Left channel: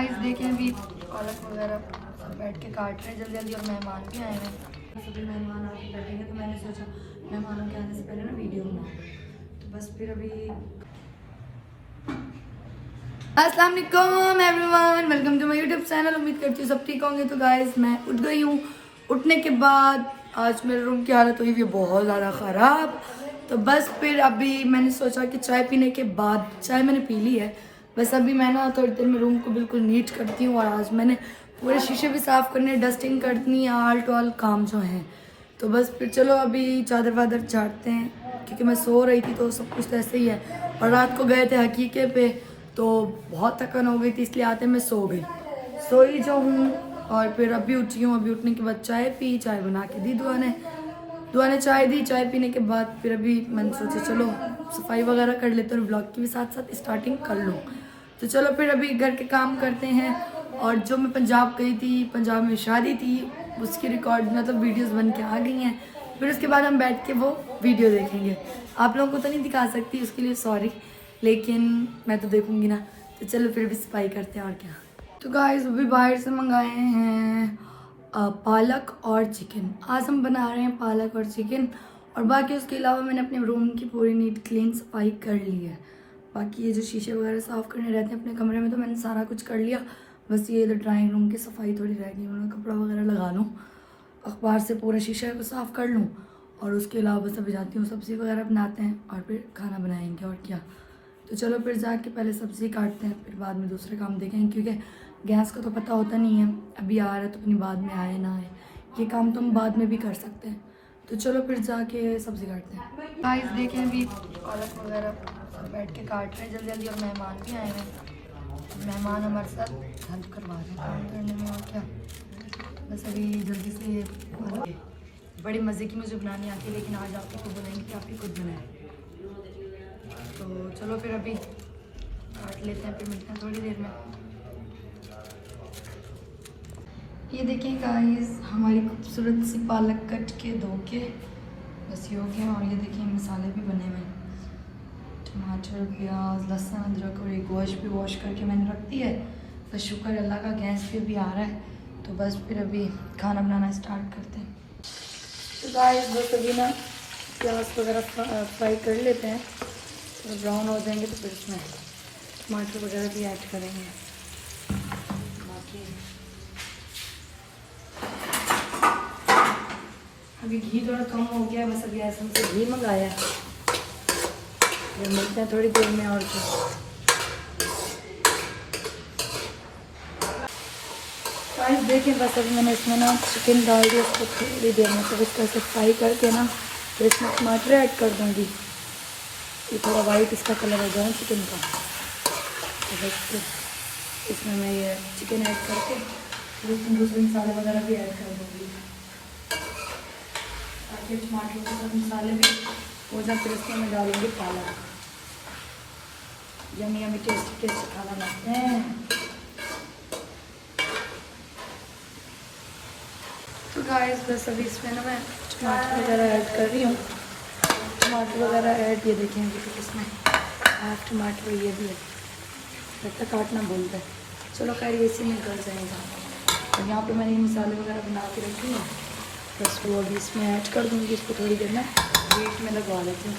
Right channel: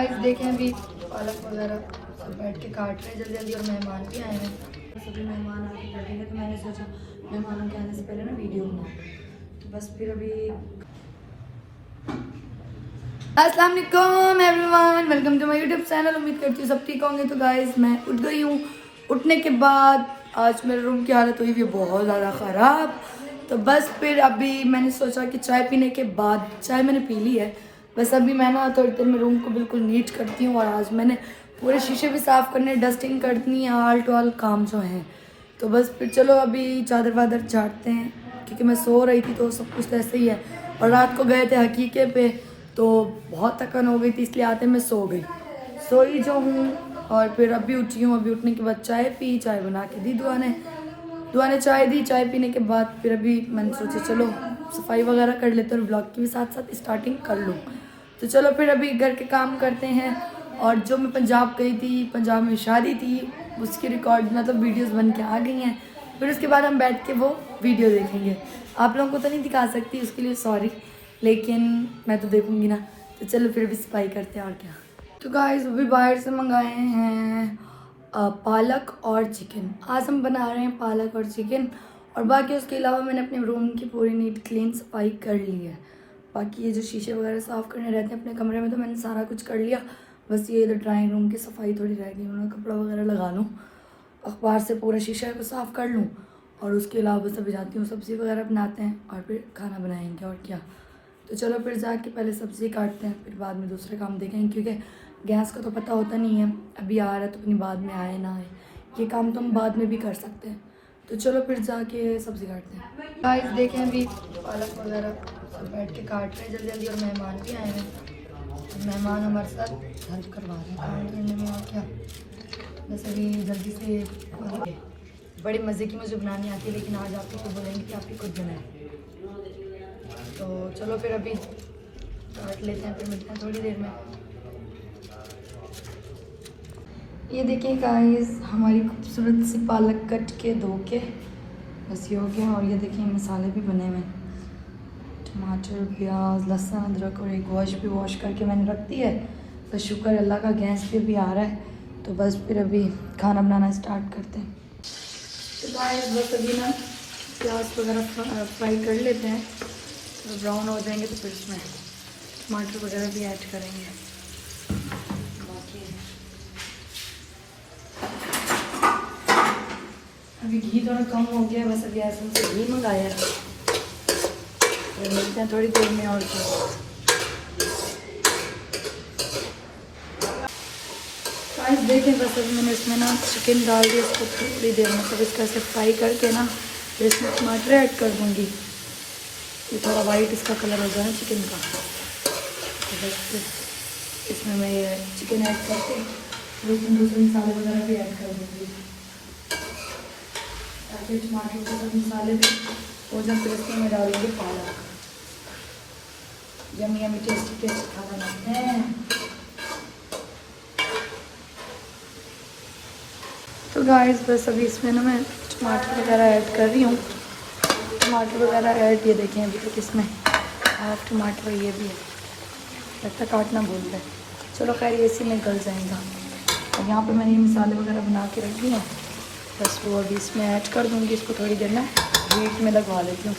Guys देखें अभी पालक वगैरह सब बैठ के काट रहे हैं जल्दी जल्दी और मेहमान भी आए हैं। सभी मेहमान आके बैठेंगे तो मैंने सोचा मेहमानों के आने से पहले ना वीडियो बनाऊँ। तो बस फिर अभी अस्सलाम वालेकुम everyone, welcome to my YouTube channel. उम्मीद करती हूँ सब ठीक होंगे। तो गाइस मैं उठ गई हूँ। उठने के बाद आज मेरे रूम की हालत हुई है बहुत ज़्यादा ख़राब। तो बस फिर अभी मैंने सोचा कि चाय पीने के बाद, चाय मैंने पी ली है, बस अभी मैं ना थोड़ी देर में रूम को बिल्कुल नीट करती हूँ। और आज मैंने पूरे शीशे भी साफ़ करने, डस्टिंग करनी है, आल टू आल काम जो है। तो बस फिर चलो अभी चादर वादर झाड़ते हैं, क्योंकि मैं सो रही थी तो सब कुछ ऐसे ही है। और रात को गए थे हकीके पे तो बहुत थकान हो गई थी, इसलिए आते मैं सो गई, सोई जो हूँ। और फिर अभी उठी हूँ। अभी उठने के बाद चाय पी, चाय बना के दी दुआ ने चाय दी। चाय पीने के बाद फिर अभी मैंने सोचा चलो सफाई वगैरह कर लेते हैं और ब्लॉग की भी साथ साथ स्टार्टिंग कर लूँ। तो चलो फिर अभी घर के काम करते हैं। और जो मैं पंजाब गई थी, पंजाब में शादी थी, उसकी रिकॉर्ड मतलब वीडियोस बन के आ गई हैं। फिर उसके बाद हम बैठ के वो वीडियो देखेंगे। आप लोगों को तो नहीं दिखा सकती, उसके लिए सॉरी, लेकिन मैं तो देखूंगी ना। तो चलो फिर भी सफाई करते हैं और क्या। तो गाइस अभी बाहर से मंगाए हैं पालक और चिकन। आज हम बना रहे हैं पालक और चिकन। और बाकी उसके अलावा मैंने अपने रूम की पूरी नीट क्लीन सफाई कर ली है। बाकी ये जो शीशे वगैरह साफ़ करने रहते हैं अपने कमरे में तो मैंने सारा कुछ कर लिया। बस ये इधर ड्राइंग रूम की सफाई थोड़ी रह गई, उन्होंने कपड़ा वगैरह लगा लूँ, अखबार से पूरा शीशे को साफ़ कर लूँ। और उसके अलावा बस अभी जाती हूँ, सब्ज़ी वगैरह बनाते हैं और फिर खाना बनाएंगे और क्या। तो चलो फिर जाके पहले सब्ज़ी काटते हैं, फिर बाद में दूसरे काम देखेंगे, क्योंकि गैस का तो पता होता नहीं है, अभी आ रहा है तो अपनी बाद में आए ना आए, ये काम तो हम बाद में भी कर सकते हैं। तो चलो फिर जाके सब्ज़ी काटते हैं। गाइस देखें अभी पालक वगैरह सब बैठ के काट रहे हैं जल्दी जल्दी और मेहमान भी आए हैं। मेहमान हमारे साथ हेल्प करवा रहे हैं काम करने में और क्या। बस अभी जल्दी से, बड़े मज़े की मुझे बनानी आती है, लेकिन आज आप तो बोलेंगे कि आप ही खुद बनाएं। तो चलो फिर अभी काट लेते हैं, फिर मिलते हैं थोड़ी देर में। ये देखिए गाइस हमारी खूबसूरत सी पालक कट के धो के बस ये हो गया। और ये देखिए मसाले भी बने हुए हैं, टमाटर, प्याज, लहसुन, अदरक और एक गोश्त भी वॉश करके मैंने रख दी है। बस शुक्र अल्लाह का गैस पे भी आ रहा है। तो बस फिर अभी खाना बनाना स्टार्ट करते हैं। तो गाइस बस अभी ना प्याज वगैरह फ्राई कर लेते हैं, ब्राउन हो जाएंगे तो फिर इसमें टमाटर वगैरह भी ऐड करेंगे। बाकी अभी घी थोड़ा कम हो गया है, बस अभी ऐसे से घी मंगाया है। फिर मिलते हैं थोड़ी देर में और गाइस देखें बस अभी मैंने इसमें ना चिकन डाल दिया, फ्राई करके ना तो इसमें टमाटर ऐड कर दूँगी। थोड़ा वाइट इसका कलर हो गया है चिकन का। इसमें मैं चिकन ऐड करके दूसरे दूसरे मसाले वगैरह भी ऐड कर दूँगी, ताकि टमाटर के सब मसाले भी हो जाए। फिर इसमें मैं डालूँगी पालक। यमी यमी टेस्टी टेस्टी खाना बनाते हैं। तो गाइस बस अभी इसमें ना मैं टमाटर वगैरह ऐड कर रही हूँ। टमाटर वगैरह ऐड कर दीजिए अभी इसमें। टमाटर ये ऐसा काटना भूल गया, चलो पहले इसी में गल जाएगा। यहाँ पे मैंने ये मसाले वगैरह बना के रखी है, बस वो इसमें ऐड कर दूँगी। इसको थोड़ी देर में हीट में लगवा लेती हूँ।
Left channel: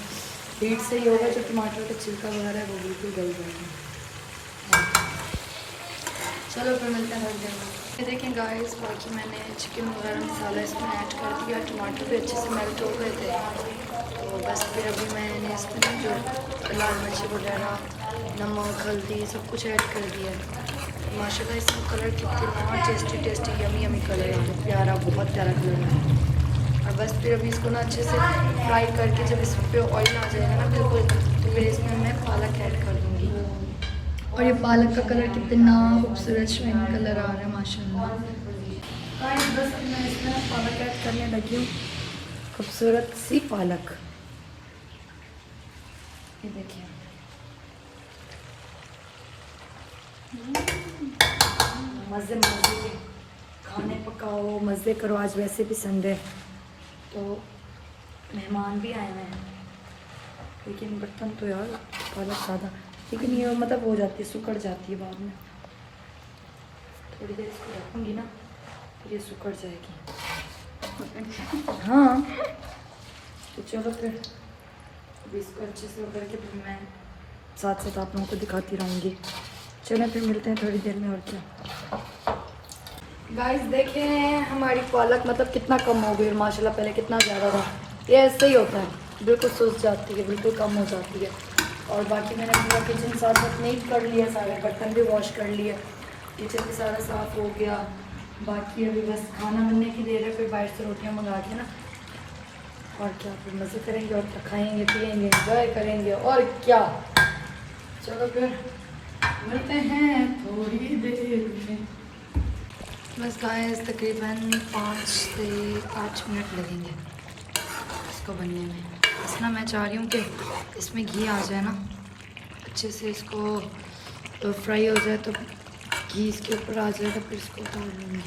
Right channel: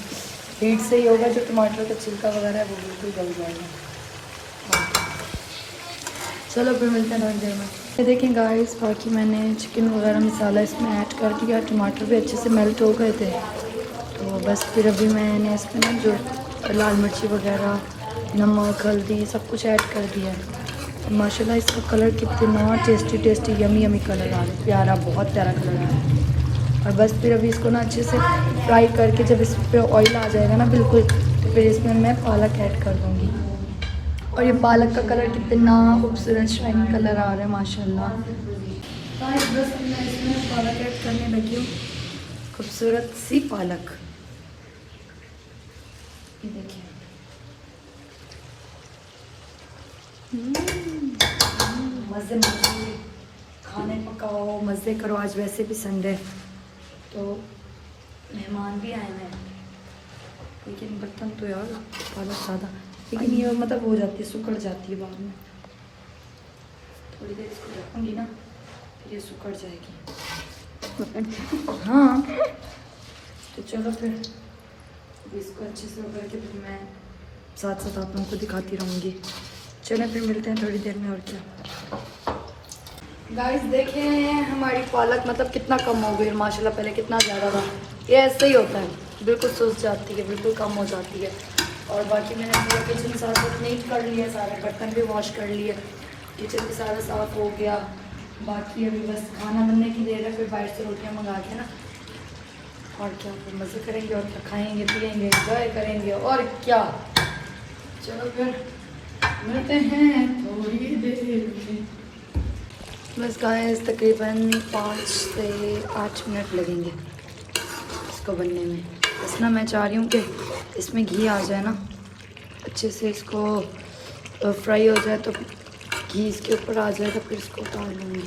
हीट से ही होगा जो टमाटर का छिलका वगैरह भी गल जाएगा। चलो फिर मिलते हैं थोड़ी देर में। ये देखें गाइस बाकी मैंने चिकन वगैरह मसाला इसमें ऐड कर दिया, टमाटर भी अच्छे से मेल्ट हो गए थे। तो बस फिर अभी मैंने इसमें ना जो लाल मिर्ची वगैरह, नमक, हल्दी सब कुछ ऐड कर दिया है। माशाल्लाह इसका कलर कितना tasty tasty yummy yummy colour आ रहा है, प्यारा, बहुत प्यारा कलर आ रहा है। और बस फिर अभी इसको ना अच्छे से फ्राई करके जब इस पर ऑयल आ जाएगा ना बिल्कुल, तो फिर इसमें मैं पालक ऐड कर दूँगी। और ये पालक का कलर कितना खूबसूरत शाइन कलर आ रहा है माशाल्लाह। बस मैं इसमें पालक ऐड करने लगी, खूबसूरत सी पालक। ये देखिए मज़े मज़े खाने पकाओ, मज़े करो। आज वैसे भी संडे तो मेहमान भी आए हैं, लेकिन बर्तन तो यार बहुत ज़्यादा, लेकिन ये मतलब हो जाती है, सुकड़ जाती है बाद में। थोड़ी देर इसको रखूँगी ना, ये सुखड़ जाएगी। हाँ, तो चलो फिर अभी इसको अच्छे से उभर के फिर मैं साथ साथ आप लोगों को दिखाती रहूँगी। चलो फिर मिलते हैं थोड़ी देर में होती। गाइस देखें हमारी पालक मतलब कितना कम हो गया माशाल्लाह, पहले कितना ज़्यादा था। ये ऐसे ही होता है, बिल्कुल सूख जाती है, बिल्कुल कम हो जाती है। और बाकी मैंने किचन साफ नीट कर लिया, सारे बर्तन भी वॉश कर लिए, किचन भी सारा साफ हो गया। बाकी अभी बस खाना बनने की देर है, फिर बाहर से रोटियाँ मंगा के ना और क्या फिर मज़े करेंगे और क्या खाएँगे पिएँगे एंजॉय करेंगे और क्या। चलो फिर मिलते हैं थोड़ी देर में। बस गाइस तकरीबन 5 से 8 मिनट लगेंगे इसको बनने में। बस ना मैं चाह रही हूँ कि इसमें घी आ जाए ना अच्छे से, इसको फ्राई हो जाए तो घी इसके ऊपर आ जाए तो फिर इसको उतार लूँगी।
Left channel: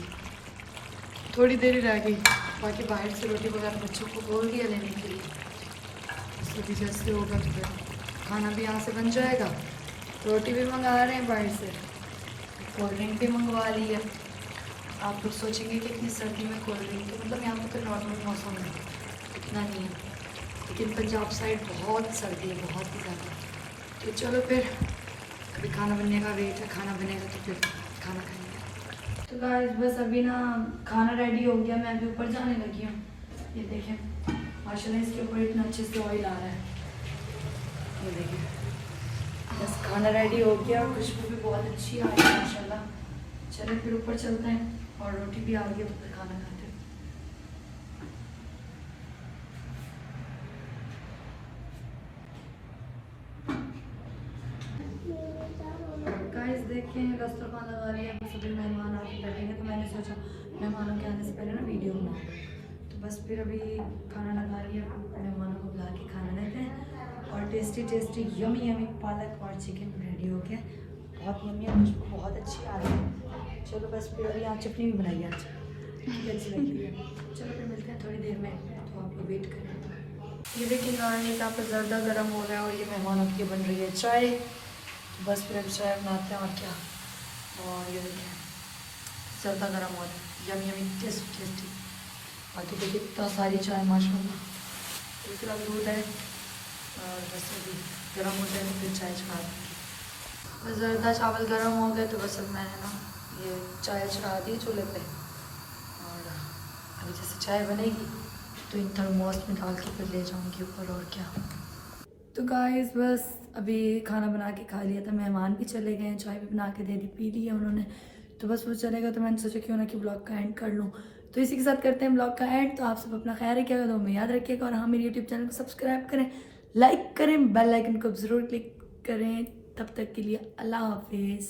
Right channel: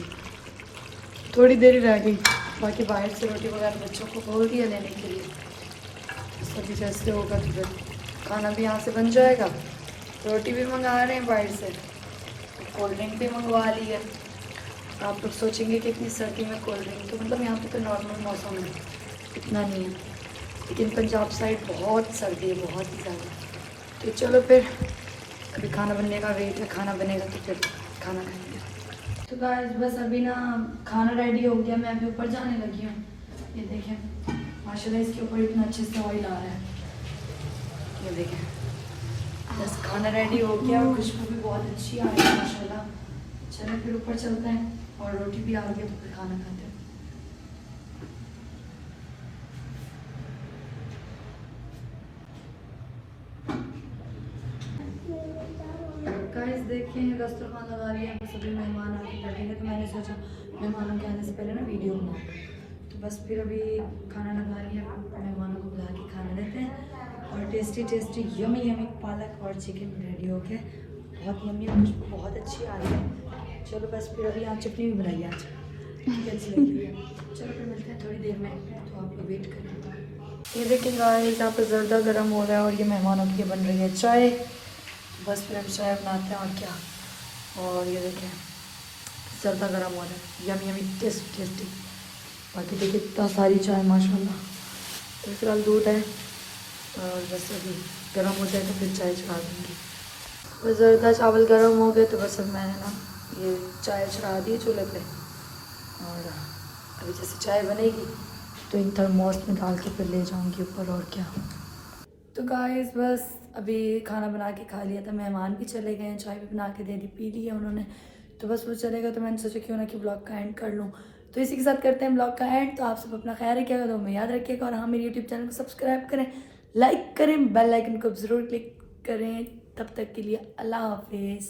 थोड़ी देर ही रह गई, बाकी बाहर से रोटी वगैरह बच्चों को बोल दिया लेने के लिए। सभी जैसे होगा तो फिर खाना भी यहाँ से बन जाएगा। रोटी भी मंगा रहे हैं बाहर से, कोल्ड ड्रिंक भी मंगवा ली है। आप लोग सोचेंगे कि इतनी सर्दी में कोल्ड ड्रिंक, तो मतलब यहाँ पे तो नॉर्मल मौसम है, इतना नहीं है, लेकिन पंजाब साइड बहुत सर्दी है, बहुत ही ज़्यादा। तो चलो फिर अभी खाना बनने का वेट है, खाना बनेगा तो फिर खाना खाएंगे। तो गाइस बस अभी ना खाना रेडी हो गया, मैं अभी ऊपर जाने लगी हूँ। ये देखें माशाल्लाह इसके ऊपर इतना अच्छे से ऑयल आ रहा है, ये देखें। बस खाना रेडी हो गया, खुशबू भी बहुत अच्छी आ रही है माशाल्लाह। चलो फिर ऊपर चलते हैं और रोटी भी आ गई, तो फिर खाना खाते हैं। गाइस देखें दस्तरखान लगा लिया, बस अभी मेहमान आके बैठेंगे, तो मैंने सोचा मेहमानों के आने से पहले ना वीडियो बनाऊँ। तो बस फिर अभी खाना लगा लिया, मेहमानों को बुला के खाना देते हैं। और टेस्टी टेस्टी यमी यमी पालक और चिकन रेडी हो गया, बहुत यमी है, खुशबू बहुत अच्छी आ रही है। चलो बस फिर अभी यहाँ चटनी भी बनाई आज, अच्छी लगती है। चलो फिर मिलते हैं थोड़ी देर में, तो आप लोग वेट करें। ये देखें गाइस यहाँ पे ज़र्दा गर्म हो रहा है और ये मेहमानों की बन रही है चाय। बस फिर अभी चाय बनाते हैं और क्या। और ये देखें ज़र्दा गर्म हो रहा है, यमी यमी टेस्टी टेस्टी। बाकी देखिए इतना सारी चाय माशाल्लाह। एक राल दूध है और बस अभी गर्म हो जाए तो फिर चाय चढ़ा दूँगी। बस ज़र्दा चावल गर्म हो गए तो बस अब मैंने ना ये चाय चढ़ा दी चूल्हे पे। और अभी जैसे चाय बनेगी तो इन थर्मोस में डाल के फिर ले जाऊंगी ऊपर और क्या। तो गाइस बस अभी खाना बना के खा लिया था, मेहमान भी चले गए हैं, चाय भी बना के दे दी, पी ली है उन्होंने, तो बस वो चलेगा तो मैंने सोचा क्यों ना कि ब्लॉग का एंड कर लूँ। तो इसी के साथ करते हैं ब्लॉग का एंड। तो आप सब अपना ख्याल रखिएगा, तो हमें याद रखिएगा, और हाँ मेरे यूट्यूब चैनल को सब्सक्राइब करें, लाइक करें, बेल आइकन को ज़रूर क्लिक करें। तब तक के लिए अल्लाह हाफिज़।